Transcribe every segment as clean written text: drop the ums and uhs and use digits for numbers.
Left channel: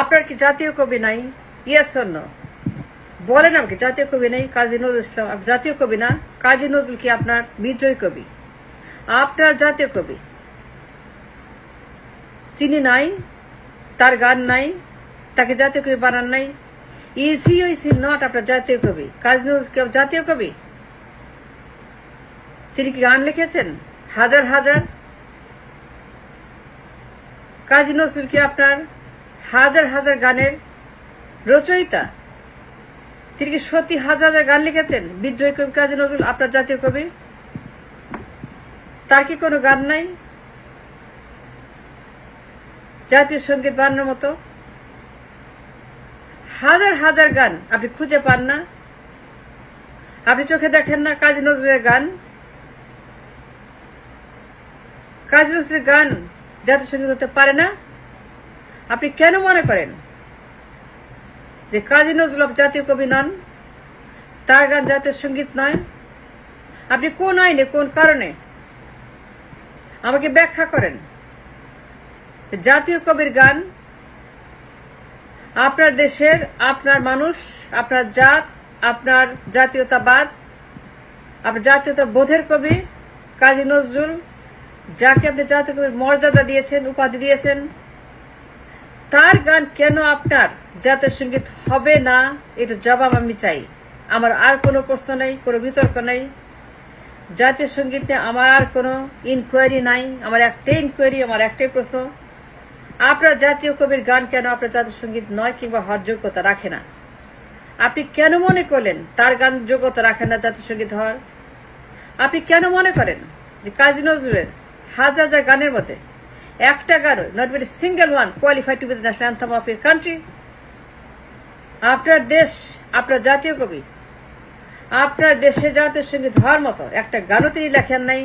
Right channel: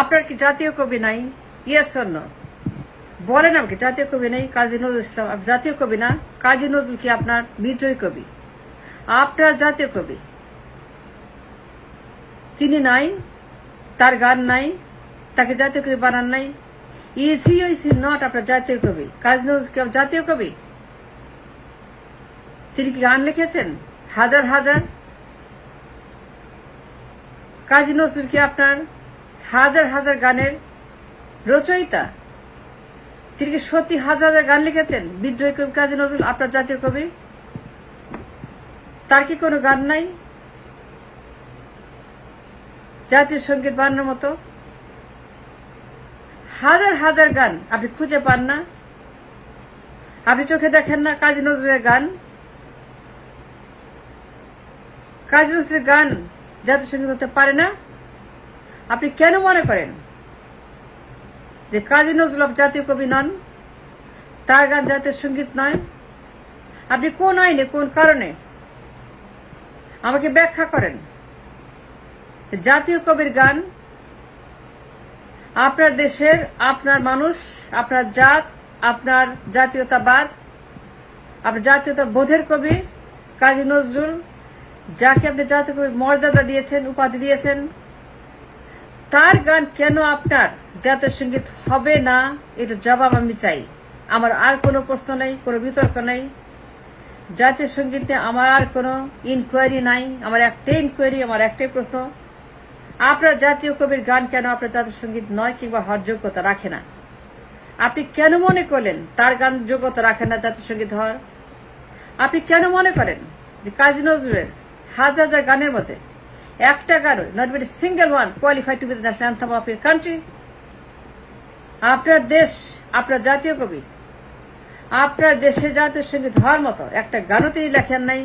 আপনার কি জাতীয় কবি নাই? Yes or no? বলেন আমাকে, জাতীয় কবি নাই? কাজী নজরুল ইসলাম জাতীয় কবি না? কাজী নজরুল কি আপনার বিদ্রোহী কবি? আপনার জাতীয় কবি তিনি নাই, তার গান নাই, তাকে জাতীয় কবি বানান নাই। ইজ হি নট আপনার জাতীয় কবি? কাজী নজরুল কি জাতীয় কবি? তিনি কি গান লিখেছেন হাজার হাজার? কাজী নজরুল কি আপনার হাজার হাজার গানের রচয়িতা? তিনি কি সত্যি হাজার হাজার গান লিখেছেন? বিদ্রোহী কবি কাজী নজরুল আপনার জাতীয় কবি? তার কি কোনো গান নাই জাতীয় সঙ্গীত বানানোর মতো? হাজার হাজার গান আপনি খুঁজে পান না? আপনি চোখে দেখেন না কাজী নজরুলের গান? কাজী নজরুলের গান জাতীয় সঙ্গীত হতে পারে না? আপনি কেন মনে করেন যে কাজী নজরুল জাতীয় কবি নন, তার গান জাতীয় সঙ্গীত নয়? আপনি কোন আইনে, কোন কারণে আমাকে ব্যাখ্যা করেন জাতীয় কবির গান আপনার দেশের, আপনার মানুষ, আপনার জাত, আপনার জাতীয়তাবাদ, আপনার জাতীয়তা বোধের কবি কাজী নজরুল, যাকে আপনি জাতীয় কবির মর্যাদা দিয়েছেন, উপাধি দিয়েছেন, তার গান কেন আপনার জাতীয় সঙ্গীত হবে না? এটা জবাব আমি চাই। আমার আর কোনো প্রশ্ন নেই, কোনো বিতর্ক নেই। জাতীয় সঙ্গীতে আমার আর কোনো ইনকোয়ারি নাই। আমার একটাই ইনকোয়ারি, আমার একটাই প্রশ্ন, আপনার জাতীয় কবির গান কেন আপনার জাতীয় সঙ্গীত নয় কিংবা হওয়ার যোগ্যতা রাখে না? আপনি কেন মনে করলেন তার গান যোগ্যতা রাখে না জাতীয় সঙ্গীত হওয়ার? আপনি কেন মনে করেন যে কাজী নজরুলের হাজার হাজার গানের মধ্যে একটা গান, not be single one, qualified to be the national anthem of your country? আপনার দেশ, আপনার জাতীয় কবি, আপনার দেশে জাতীয় সঙ্গীত হওয়ার মতো একটা গানও তিনি লেখেন নাই।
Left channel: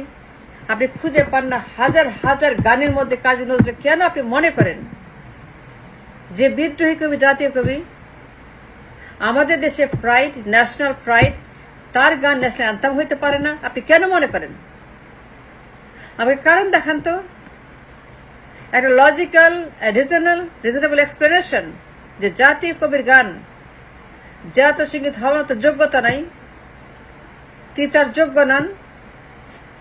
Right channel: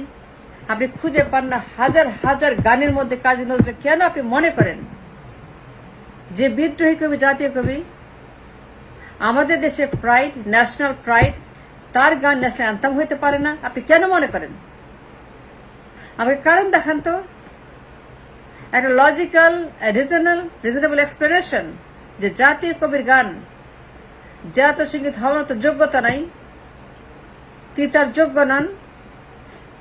আপনি খুঁজে পান না হাজার হাজার গানের মধ্যে কাজী নজরুল। কেন আপনি মনে করেন যে বিদ্রোহী কবি জাতীয় কবি, আমাদের দেশে প্রাইড, ন্যাশনাল প্রাইড, তার গান ন্যাশনাল অ্যান্থেম হইতে পারে না? আপনি কেন মনে করেন? আমাকে কারণ দেখান তো, একটা লজিক্যাল রিজনেবল এক্সপ্লেনেশন যে জাতীয় কবির গান জাতীয় সঙ্গীত হওয়ার মতো যোগ্যতা নাই, তিনি তার যোগ্য নন,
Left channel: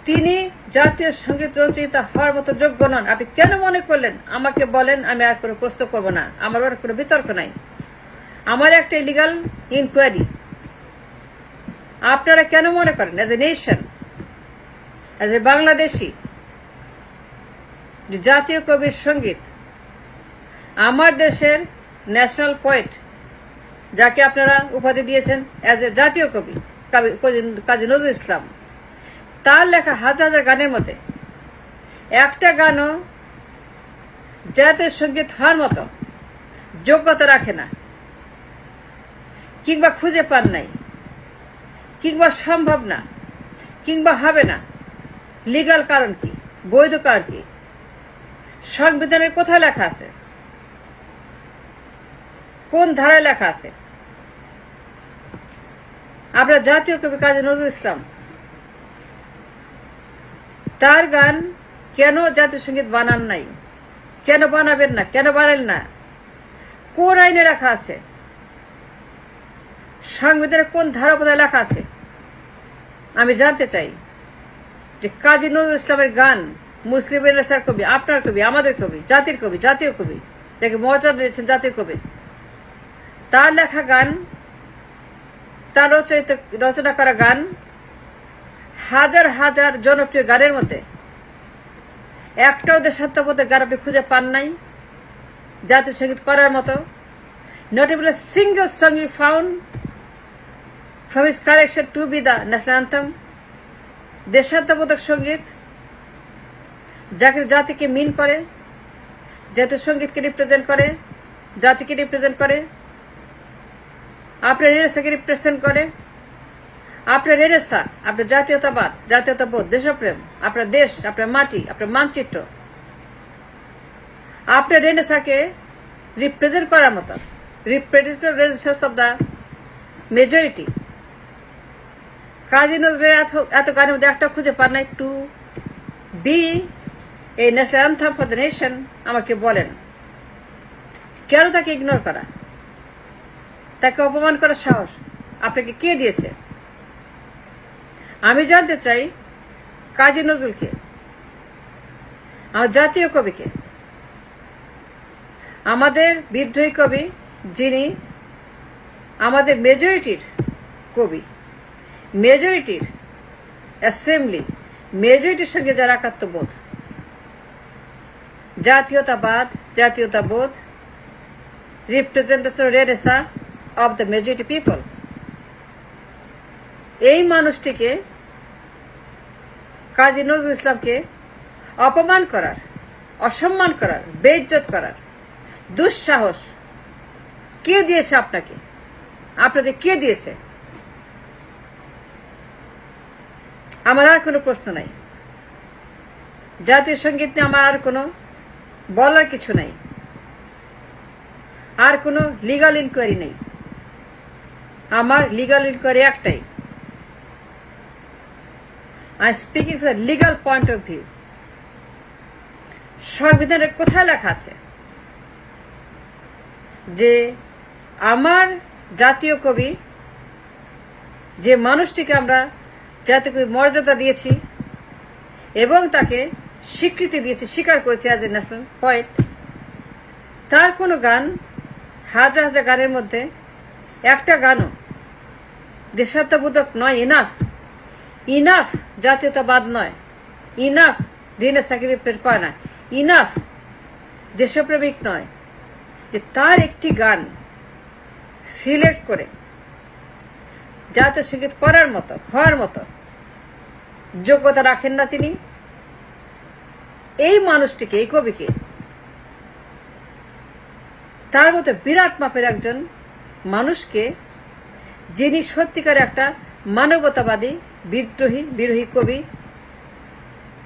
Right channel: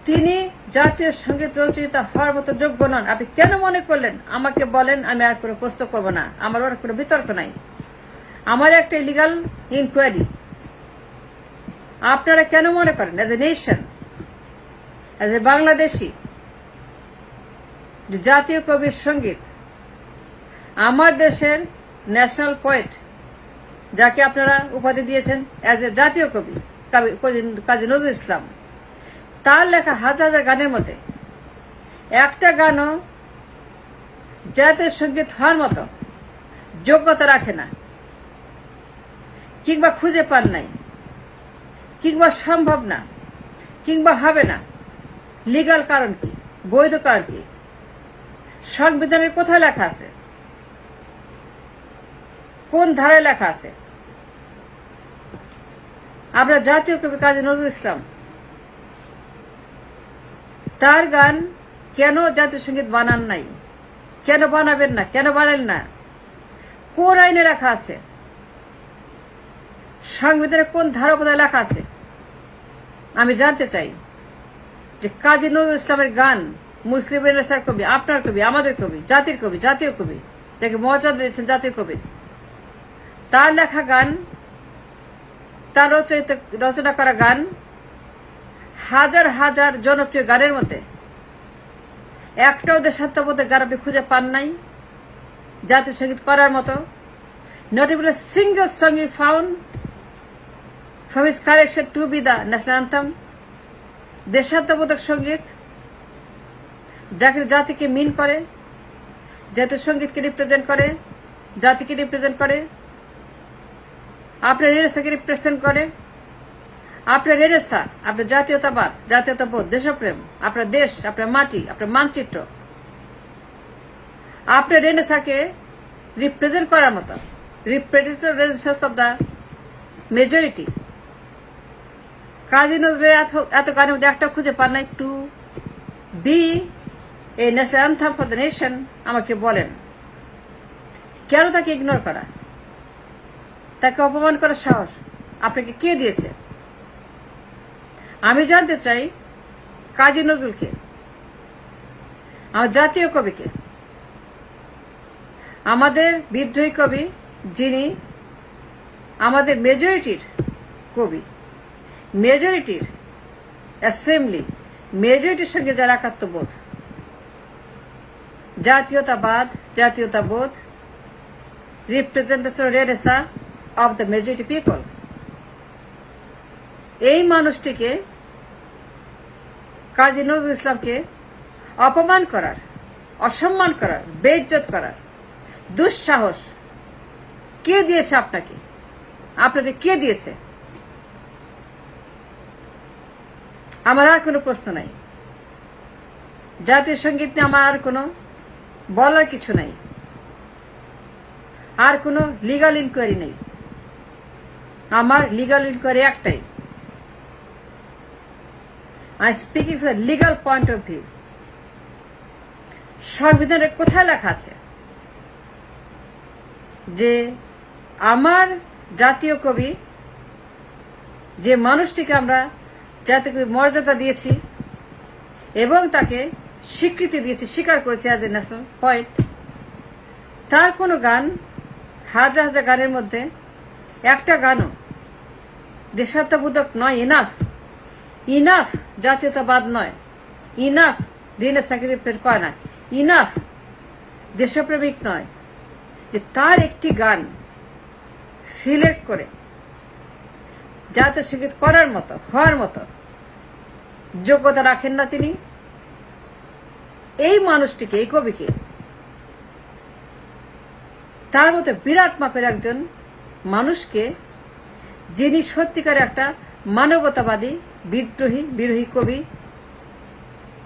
তিনি জাতীয় সঙ্গীত রচয়িতা হওয়ার মতো যোগ্য নন। আপনি কেন মনে করলেন? আমাকে বলেন, আমি আর কোনো প্রশ্ন করবো না, আমার আর কোনো বিতর্ক নাই। আমার একটা লিগাল ইনকোয়ারি, আপনারা কেন মনে করেন as a nation, as a Bangladeshi, জাতীয় কবির সঙ্গীত আমার দেশের ন্যাশনাল পোয়েট, যাকে আপনারা উপাধি দিয়েছেন এজ এ জাতীয় কবি কাজী নজরুল ইসলাম, তার লেখা হাজার হাজার গানের মধ্যে একটা গানও জাতীয় সঙ্গীত হওয়ার মতো যোগ্যতা রাখে না, কিংবা খুঁজে পান নাই, কিংবা সম্ভব না, কিংবা হবে না। লিগাল কারণ কি? বৈধ কারণ কি? সংবিধানের কোথায় লেখা আছে? কোন ধারায় লেখা আছে? আমরা জাতীয় কবি কাজী নজরুল ইসলাম, তার গান কেন জাতীয় সঙ্গীত বানান নাই? কেন বানাবেন না? কেন বানালেন না? কোন আইনে লেখা আছে? সংবিধানের কোন ধারা কোথায় লেখা আছে? আমি জানতে চাই যে কাজী নজরুল ইসলামের গান মুসলিম রেনেসাঁর কবি, আপনার কবি, আমাদের কবি, জাতির কবি, জাতীয় কবি, যাকে মর্যাদা দিয়েছেন জাতীয় কবি, তার লেখা গান, তার রচনা করা গান, হাজার হাজার জনপ্রিয় গানের মধ্যে একটাও দেশাত্মবোধের গান আপনি খুঁজে পান নাই জাতীয় সঙ্গীত করার মতো? Not even a single song you found from his collection to be the national anthem? দেশাত্মবোধক সঙ্গীত, যাকে জাতিকে মিন করে, জাতীয় সঙ্গীতকে রিপ্রেজেন্ট করে, জাতিকে রিপ্রেজেন্ট করে, আপনার রেনেসাঁকে রিপ্রেজেন্ট করে। আপনার রেনেসাঁ, আপনার জাতীয়তাবাদ, জাতীয়তাবোধ, দেশপ্রেম, আপনার দেশ, আপনার মাটি, আপনার মানচিত্র, আপনার রেনেসাঁকে রিপ্রেজেন্ট করার মতো, representation of the majority. Kazi নজরুলের এত গানের মধ্যে একটা খুঁজে পান নাই to be a national anthem for the nation? আমাকে বলেন কেন তাকে ইগনোর করা, তাকে অপমান করার সাহস আপনাকে কে দিয়েছে? আমি জানতে চাই কাজী নজরুলকে, আমার জাতীয় কবিকে, আমাদের বিদ্রোহী কবি, যিনি আমাদের মেজরিটির কবি, মেজরিটির অ্যাসেম্বলি, মেজরিটির সঙ্গে যারা একাত্মবোধ, জাতীয়তাবোধ, representation renaissance of the majority people, এই মানুষটিকে, কাজী নজরুল ইসলামকে অপমান করার, অসম্মান করার, বেইজ্জত করার দুঃসাহস কে দিয়েছে আপনাকে? আপনাদের কে দিয়েছে? আমার আর কোনো প্রশ্ন নাই। জাতীয় সঙ্গীত নিয়ে আমার আর কোনো বলার কিছু নাই, আর কোনো লিগাল ইনকোয়ারি নেই। আমার লিগাল ইনকোয়ারি একটাই, I speaking from legal point of view. সংবিধানের কোথায় লেখা আছে যে আমার জাতীয় কবি, যে মানুষটিকে আমরা জাতীয় কবি মর্যাদা দিয়েছি এবং তাকে স্বীকৃতি দিয়েছি, স্বীকার করেছি অ্যাজ এ ন্যাশনাল পয়েট, তার কোনো গান, হাজার হাজার গানের মধ্যে একটা গানও দেশাত্মবোধক নয়, ইনাফ জাতীয়তাবাদ নয়, ইনাফ দিনের স্যাক্রিফাইস করে না, ইনাফ দেশপ্রেমিক নয়, যে তার একটি গান সিলেক্ট করে জাতীয় সঙ্গীত করার মতো, হওয়ার মতো যোগ্যতা রাখেন না তিনি। এই মানুষটিকে, এই কবিকে, তার মতো বিরাট মাপের একজন মানুষকে, যিনি সত্যিকার একটা মানবতাবাদী, বিদ্রোহী কবি,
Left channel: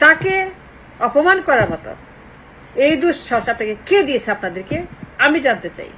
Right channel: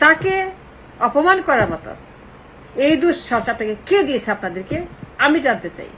তাকে অপমান করার মতো এই দুঃসাহস আপনাকে কে দিয়েছে? আপনাদেরকে আমি জানতে চাই।